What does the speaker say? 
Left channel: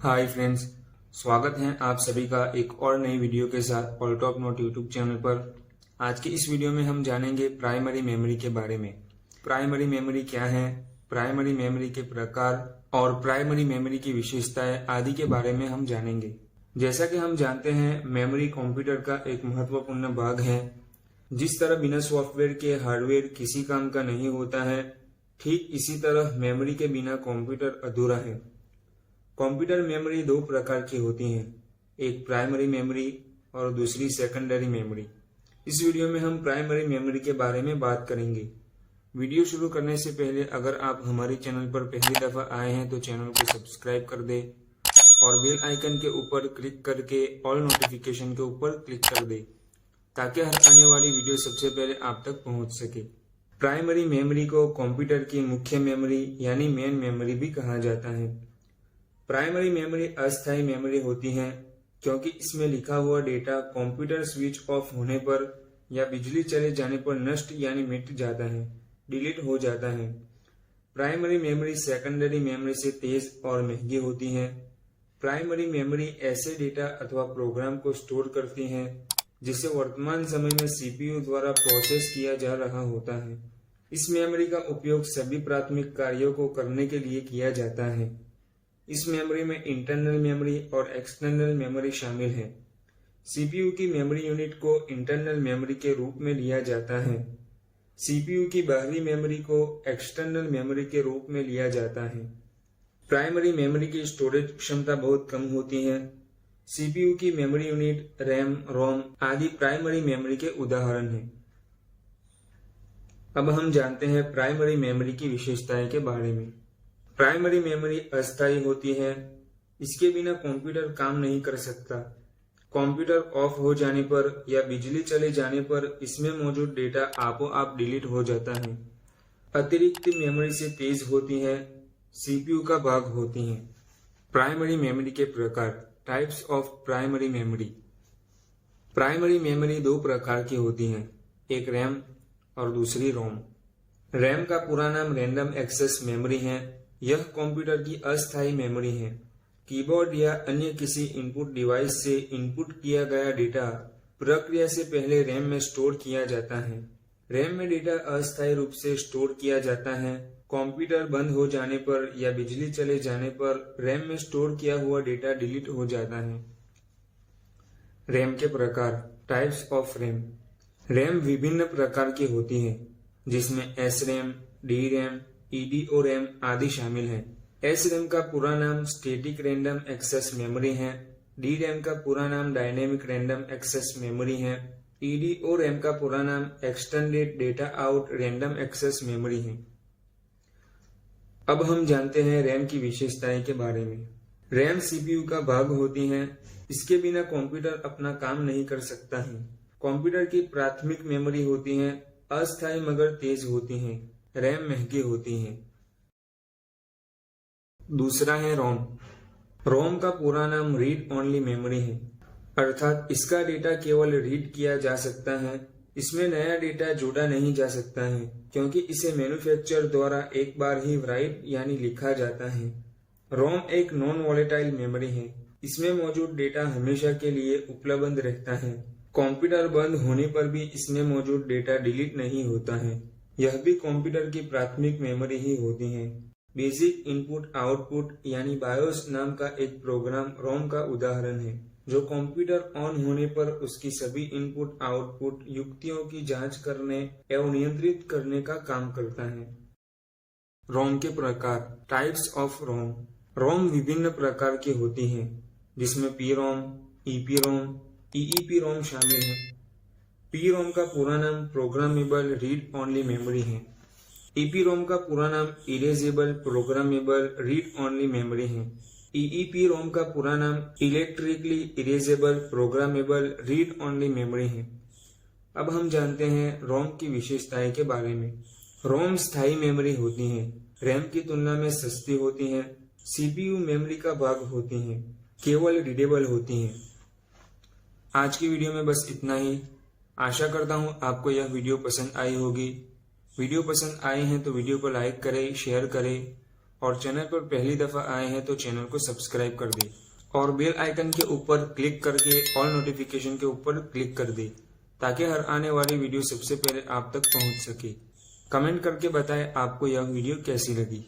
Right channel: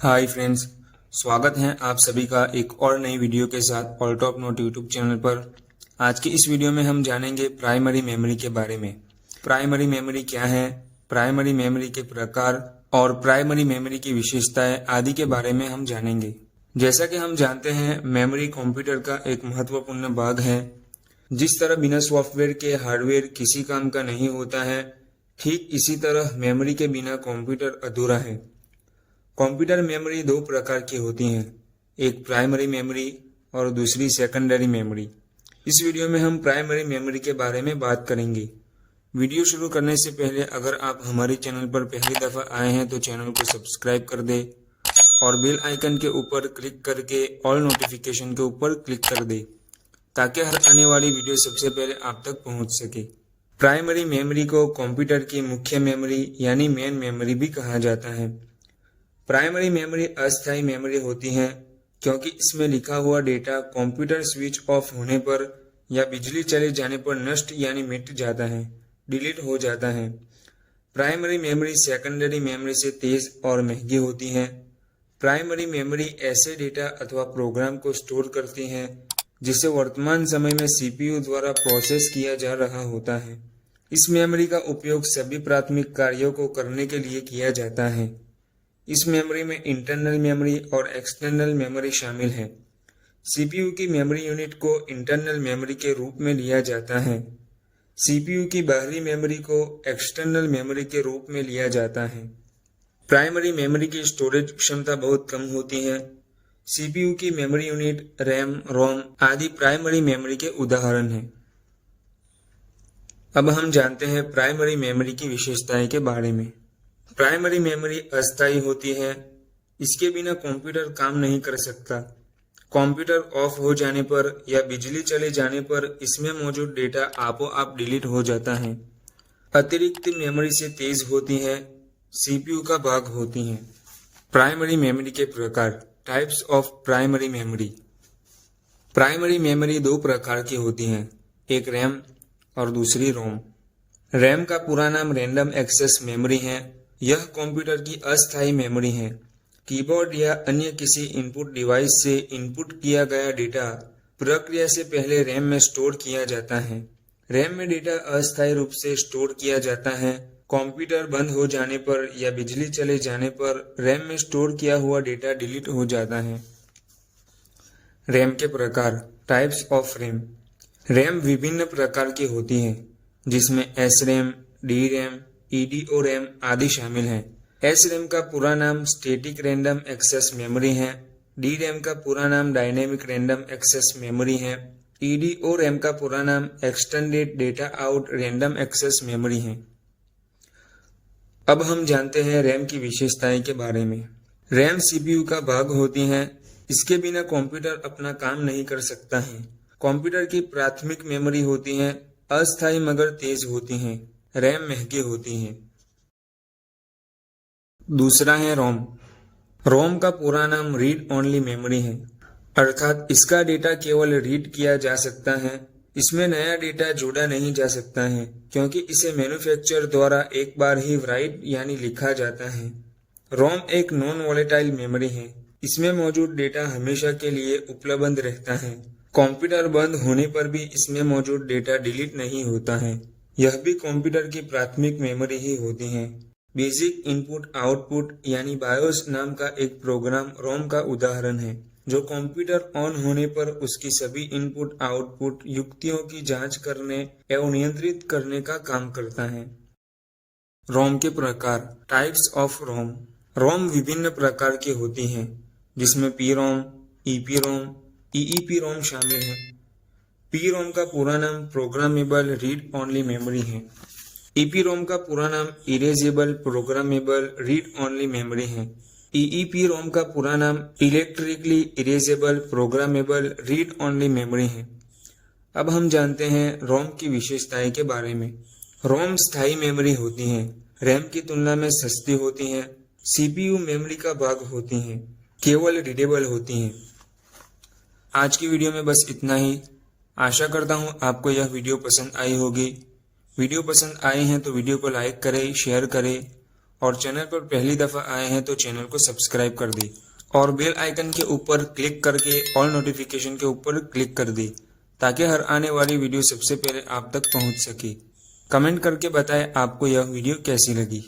Hi friends, स्वागत है आप सभी का एक और नई वीडियो के साथ all top note YouTube channel पर। आज की इस वीडियो में हम जानेंगे प्राइमरी मेमोरी के बारे में। प्राइमरी मेमोरी क्या है, प्राइमरी मेमोरी के प्रकार और प्राइमरी मेमोरी की विशेषताएं आदि के बारे में हम जानेंगे। जैसा कि हम जानते हैं, मेमोरी कंप्यूटर का एक महत्वपूर्ण भाग है। जिस तरह बिना सॉफ्टवेयर के हार्डवेयर किसी काम का नहीं होता है, ठीक इसी तरह मेमोरी के बिना कंप्यूटर अधूरा है। कंप्यूटर मेमोरी दो प्रकार की होती हैं, एक प्राइमरी मेमोरी और दूसरी सेकेंडरी मेमोरी। इस वीडियो में हम प्राइमरी मेमोरी के बारे में बात करेंगे। वीडियो शुरू करने से पहले अगर आप हमारे चैनल पर पहली दफ़ा आए हैं तो चैनल को सब्सक्राइब कर दें और बेल आइकन के ऊपर क्लिक करके ऑल नोटिफिकेशन के ऊपर क्लिक कर दें ताकि हर आने वाली वीडियो सबसे पहले आप तक पहुंच सके। प्राइमरी मेमोरी को कंप्यूटर की मुख्य मेमोरी यानी मेन मेमोरी भी कहा जाता है। प्राइमरी मेमोरी अस्थायी मेमोरी होती है क्योंकि इसमें लिखा हुआ डेटा कंप्यूटर स्विच ऑफ होने पर या बिजली चले जाने पर नष्ट यानी मिट जाता है, डिलीट हो जाता है। प्राइमरी मेमोरी सेकेंडरी मेमोरी से तेज और महंगी होती है। प्राइमरी मेमोरी ऐसे डेटा अथवा प्रोग्राम को स्टोर करती है जिसे वर्तमान समय में सीपीयू द्वारा प्रोसेस किया जा रहा होता है। इस मेमोरी का उपयोग सभी प्राथमिक कार्यों को करने के लिए किया जाता है। इस मेमोरी में इंटरनल मेमोरी और एक्सटर्नल मेमोरी शामिल है। सीपीयू की मेमोरी यूनिट को इंटरनल मेमोरी के रूप में लिया जाता है। सीपीयू की बाहरी मेमोरी को एक्सटर्नल मेमोरी के रूप में लिया जाता है। प्राइमरी मेमोरी की स्टोरेज क्षमता बहुत कम होती है। सीपीयू की मेमोरी यूनिट, रैम, रोम आदि प्राइमरी मेमोरी के उदाहरण हैं। अब हम जानते हैं प्राइमरी मेमोरी की विशेषताएं के बारे में। प्राइमरी मेमोरी अस्थायी होती है। इसके बिना कंप्यूटर काम नहीं कर सकता। कंप्यूटर ऑफ हो जाने पर या बिजली चले जाने पर इसमें मौजूद डेटा आपो आप डिलीट हो जाता है। अतिरिक्त मेमोरी से तेज होती है, सीपीयू का भाग होती हैं। प्राइमरी मेमोरी के प्रकार, types of primary memory. Primary memory दो प्रकार की होती हैं, एक रैम और दूसरी रोम। रैम का पूरा नाम रैंडम एक्सेस मेमोरी है। यह कंप्यूटर की अस्थायी मेमोरी है। कीबोर्ड या अन्य किसी इनपुट डिवाइस से इनपुट किया गया डेटा प्रक्रिया से पहले रैम में स्टोर किया जाता है। रैम में डेटा अस्थायी रूप से स्टोर किया जाता है। कंप्यूटर बंद हो जाने पर या बिजली चले जाने पर रैम में स्टोर किया हुआ डेटा डिलीट हो जाता है। रैम के प्रकार, टाइप्स ऑफ रैम। रैम विभिन्न प्रकार की होती है जिसमें S RAM, D RAM, EDO RAM आदि शामिल हैं। एस रैम का पूरा नाम स्टैटिक रैंडम एक्सेस मेमोरी है। डी रैम का पूरा नाम डायनेमिक रैंडम एक्सेस मेमोरी है। ईडीओ रैम का पूरा नाम extended data out random access memory है। अब हम जानते हैं रैम की विशेषताएं के बारे में। रैम सीपीयू का भाग होती है। इसके बिना कंप्यूटर अपना काम नहीं कर सकता है। कंप्यूटर की प्राथमिक मेमोरी होती है, अस्थायी मगर तेज होती हैं। रैम महंगी होती है। दूसरा है रोम। रोम का पूरा नाम रीड ओनली मेमोरी है, अर्थात इसका डेटा केवल रीड किया जा सकता है। इसमें नया डेटा जोड़ा नहीं जा सकता है क्योंकि इसे मैन्युफैक्चरर द्वारा एक बार ही राइट यानी लिखा जाता है। रोम एक नॉन वोलेटाइल मेमोरी है। इसमें मौजूद डेटा हमेशा के लिए उपलब्ध रहता है। कंप्यूटर बंद होने पर भी इसमें मौजूद डेटा डिलीट नहीं होता है। यह भी कंप्यूटर की प्राथमिक मेमोरी ही होती है। बेसिक इनपुट आउटपुट यानी बायोस नाम का एक प्रोग्राम रोम का उदाहरण है जो कंप्यूटर ऑन होने पर उसकी सभी इनपुट आउटपुट युक्तियों की जांच करने एवं नियंत्रित करने का काम करता है। रोम के प्रकार, टाइप्स ऑफ रोम। रोम विभिन्न प्रकार की होती हैं जिसमें पी रोम, ईपी रोम, ईईपी रोम शामिल है। पी रोम का पूरा नाम प्रोग्रामेबल रीड ओनली मेमोरी है। ईपी रोम का पूरा नाम erasable programmable read only memory है। ईईपी रोम का पूरा नाम electrically erasable programmable read only memory है। अब हम जानते हैं रोम की विशेषताएं के बारे में। रोम स्थायी मेमोरी होती है, रैम की तुलना में सस्ती होती है। सीपीयू मेमोरी का भाग होती है, केवल रीडेबल होती है। आज की वीडियो में बस इतना ही। आशा करता हूँ आपको यह वीडियो पसंद आई होगी। वीडियो पसंद आए हैं तो वीडियो को लाइक करें, शेयर करें और चैनल पर पहली दफा आए हैं तो चैनल को सब्सक्राइब कर दें और बेल आइकन के ऊपर क्लिक करके ऑल नोटिफिकेशन के ऊपर क्लिक कर दें ताकि हर आने वाली वीडियो सबसे पहले आप तक पहुंच सके। कमेंट करके बताएं आपको यह वीडियो कैसी लगी।